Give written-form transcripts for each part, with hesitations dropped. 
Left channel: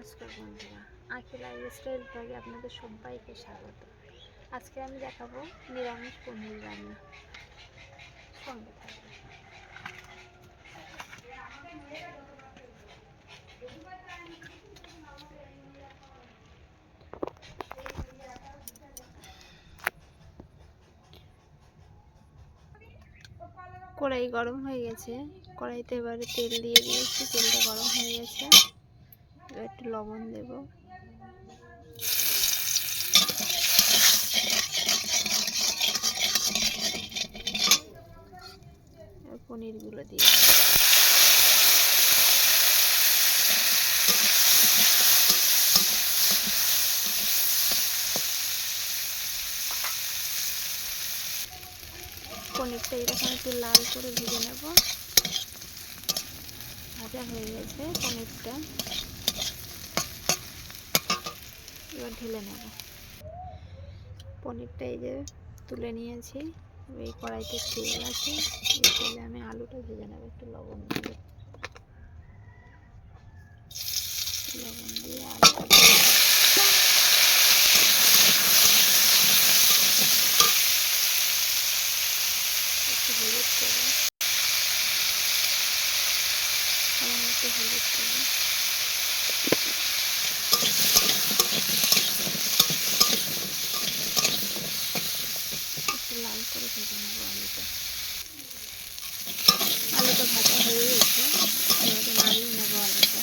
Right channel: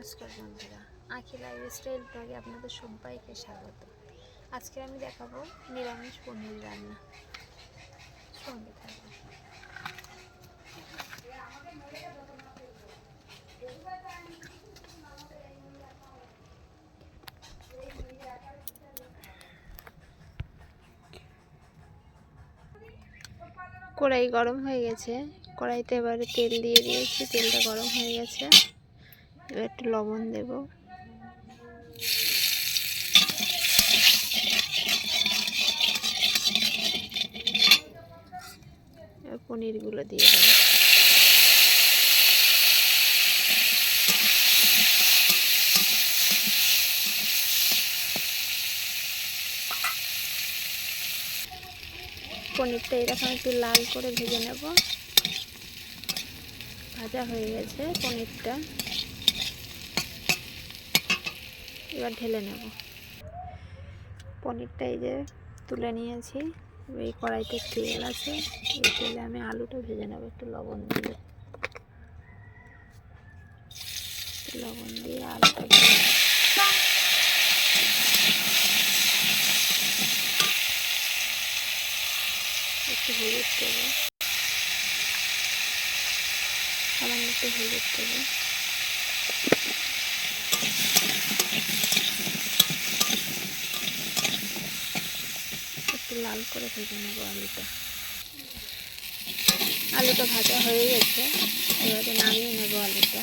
নমস্কার বন্ধুরা, আঁখি লাইফস্টাইল ব্লগে আপনাদের সবাইকে স্বাগত। আজকে আমি দেখাবো নিরামিষ পনির রান্না। সঙ্গে থাকবে। কড়াই গরম হয়ে গেছে, কড়াইতে এবারে তেল দিয়ে দিয়েছি। তেলটা গরম হয়ে গেছে, এবার একটু লবণ দেব। পনিরগুলো দিয়ে দেব। পনিরটা এরকম একটু লাল করে ভেজে নেব। ভাজা হয়ে গেছে পনিরটা, এবার ঢেলে নেব। পনিরটা এই যে তুলে নিয়েছি। এই কড়াইতে তেল আছে, এই তেলে আমি আলুটা ভেজে নেব। একটু লবণ দিয়ে আলুটা একটু হলুদ দেবো, সামান্য একটু হলুদ দেবো। একটু লাল করে ভেজে নেব আলুটা। আলুটা ভাজা হয়ে গেছে, এবারে নামিয়ে নেব আলুটা।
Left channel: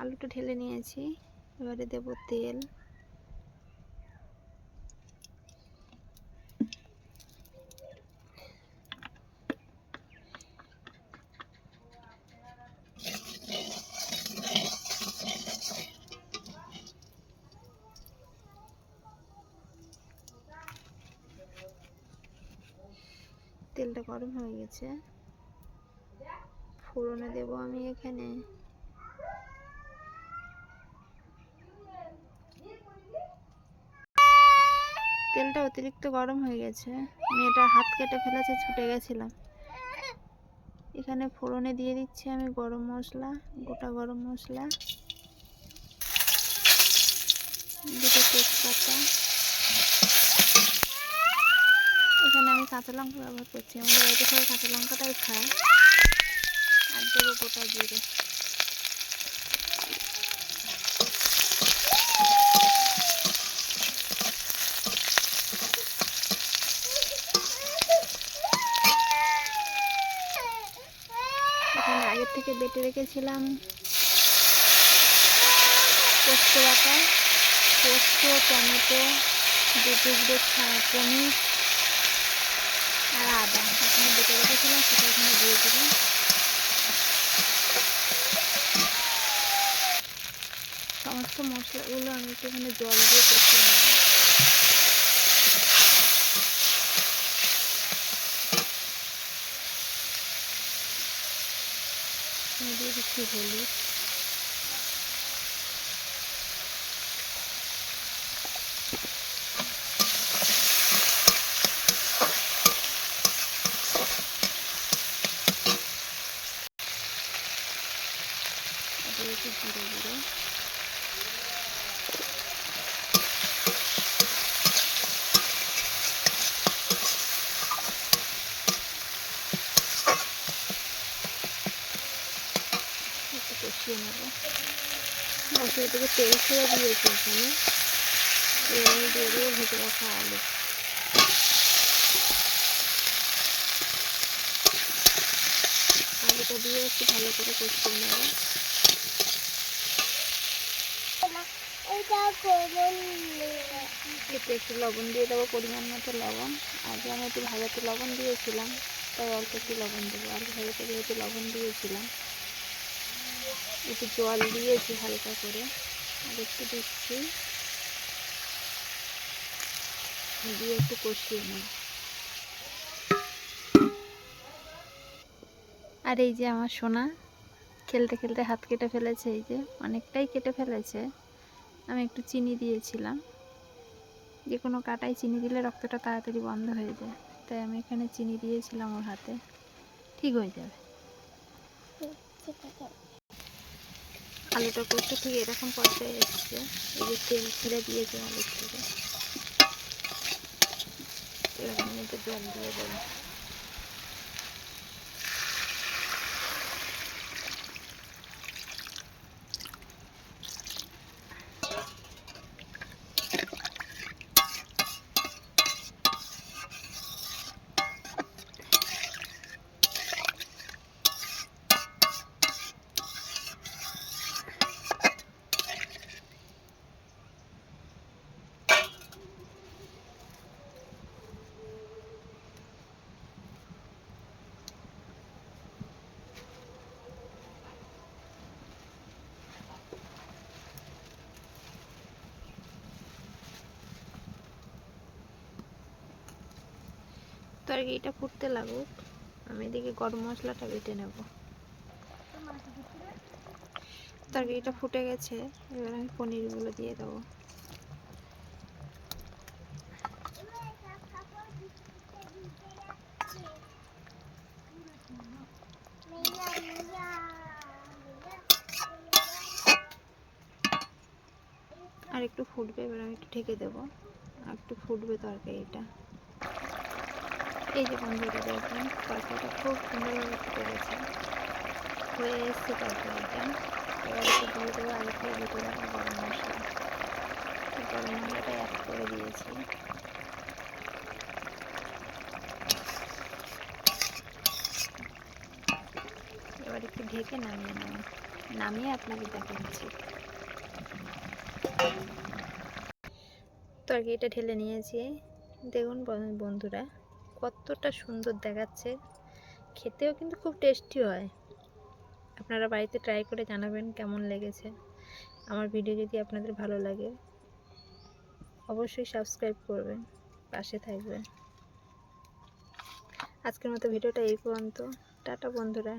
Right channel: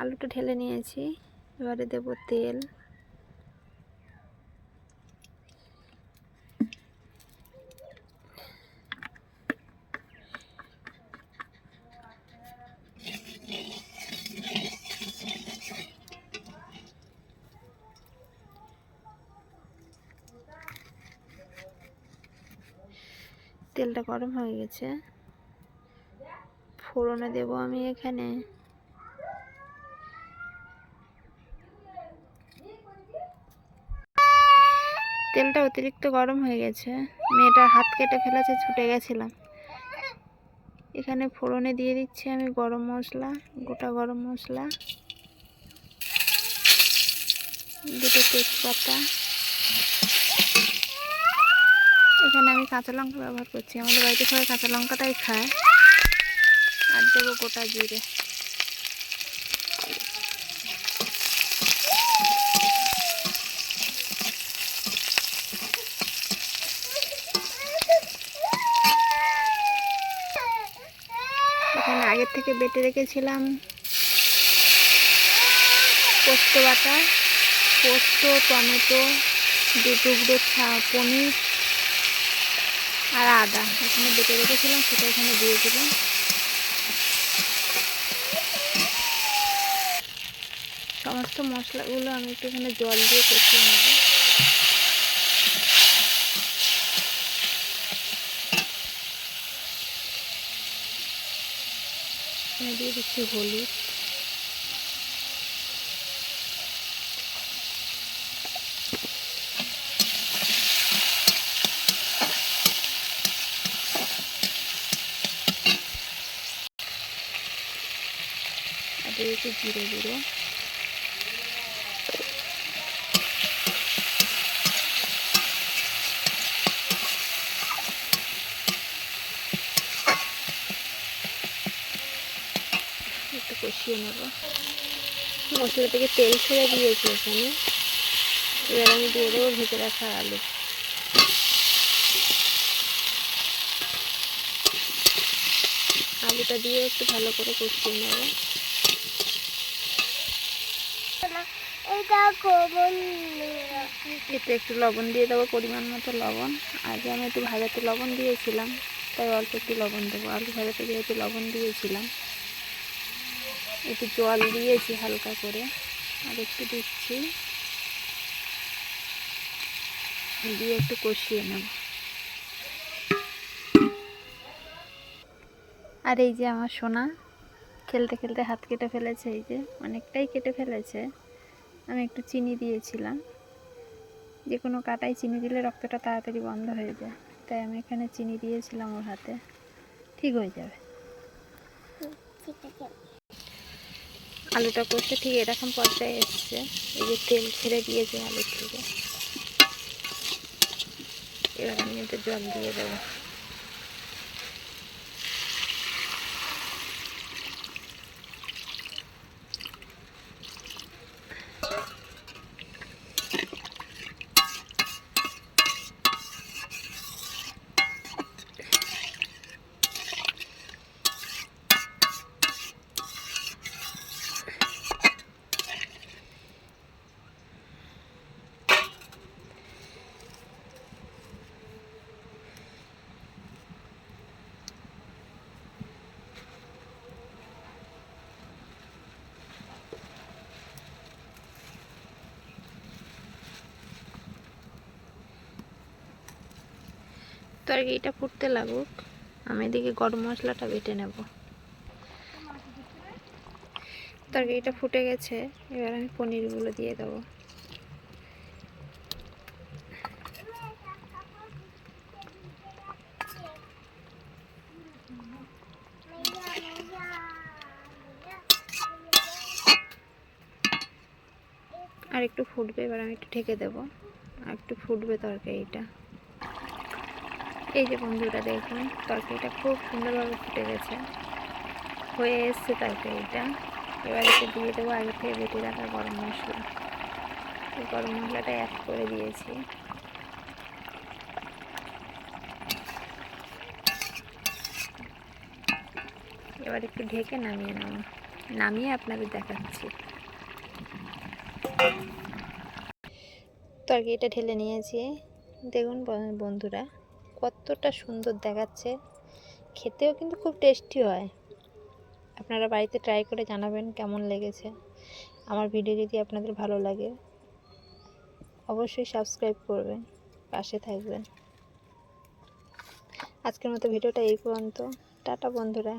আলুটা ঢেলে নিয়েছি, এবারে দেব তেল। তেলটা গরম হয়ে গেছে, ফোড়নে দেব আমি এখানে তেলটা অতিরিক্ত গরম হয়ে গেছে। মেয়েটার হাত কেটে ফেলেছে, ছুটে গেছিলাম। এখানে ফোড়নে দিয়ে দিচ্ছি আমি গরম মশলা, গোটা গরম মশলা, দুটো তেজপাতা। এখানে আমি কাঁচা লঙ্কা ব্যবহার করছি, আমাদের বাড়িতে সবাই কাঁচা লঙ্কাটাই খায়। আর দেবো গোটা জিরে। এখানে আগের থেকে বেটে রেখেছিলাম পোস্ত বাটা, পোস্ত, টমেটো, দু টুকরো পনির আর আদা এখানে বেটে রেখেছিলাম, সেটা এখানে দিয়ে দিলাম। সমস্ত মশলাগুলো আমি একটু এখানে জল দিয়ে কষিয়ে নেব। এখানে দিয়ে দিচ্ছি হলুদ, দিয়েছি জিরে গুঁড়ো, একটু কষিয়ে নেব। মশলা থেকে তেল ছেড়ে দিয়েছি এখানে, এবার আমি দিয়ে দেবো ভেজে রাখা আলু। আলুটা দিয়ে একটু ভালো করে কষিয়ে নেব। এতে একটু লবণ দিয়ে দেবো, পরিমাণ মতো লবণ। আগে আমি একটু ভাজাতে লবণ দিয়েছিলাম, তাই অল্প একটু লবণ দেবো। আলু ভাজাতে যেহেতু লবণ দিয়েছিলাম, একটু জল দিয়েছি হালকা করে, আর একটু দিচ্ছি, দিয়ে একটু কষিয়ে নেব। আর এই যে আমার সোনা খেলতে খেলতে হাত কেটে ফেলেছে, এই যে অনেকটাই কেটে ফেলেছে। আমি একটু চিনি দিয়েছিলাম, যে কোনো কাটায় চিনি দিলে রক্তটা তাড়াতাড়ি বন্ধ হয়ে যায়, তাই আমি এখানে চিনি দিয়েছিলাম ওর হাতে। ঠিক হয়ে যাবে। আলুটা করতে ঠিক এরকম পর্যায়ে এসছে, এই যে তেল ছেড়ে দিয়েছে আলুর থেকে। এবার আমি কিন্তু জল দিয়ে দেবো। তরকারিটা ফুটতে লাগুক, আমি এদিকে গরম মশলাটা বেটে নেব। তরকারিটা ফুটে গেছে, এবার আমি পনিরগুলো দিয়ে দেবো। আর একটু ফুটবে, এবার আমি একটু ঢেকে দেবো, আর একটু ফুটবে তরকারিটা। এই যে বন্ধুরা দেখুন, তরকারিটা খুব সুন্দরভাবে ফুটে গেছে, হয়ে এসছে তরকারিটা। এবার একটু দিয়ে দেবো আগে থেকে বেটে রাখা গরম মশলা। গরম মশলাটা অ্যাড করে দিয়েছি। এবার একটু ঢেকে নামিয়ে নেব, নামিয়ে আপনাদের দেখাচ্ছি। তরকারিটা ঢেলে নিয়েছি, দেখুন বন্ধুরা কতটা সুন্দর দেখাচ্ছে, খেতেও কিন্তু খুব টেস্টি হয়। আপনারা বাড়িতে ট্রাই করে জানাবেন কেমন লেগেছে। আমার ভিডিও যদি আপনাদের ভালো লাগে অবশ্যই সাবস্ক্রাইব করবেন, পাশে থাকবেন। আজকের মতো ভিডিওটা এই পর্যন্ত। টাটা বন্ধুরা।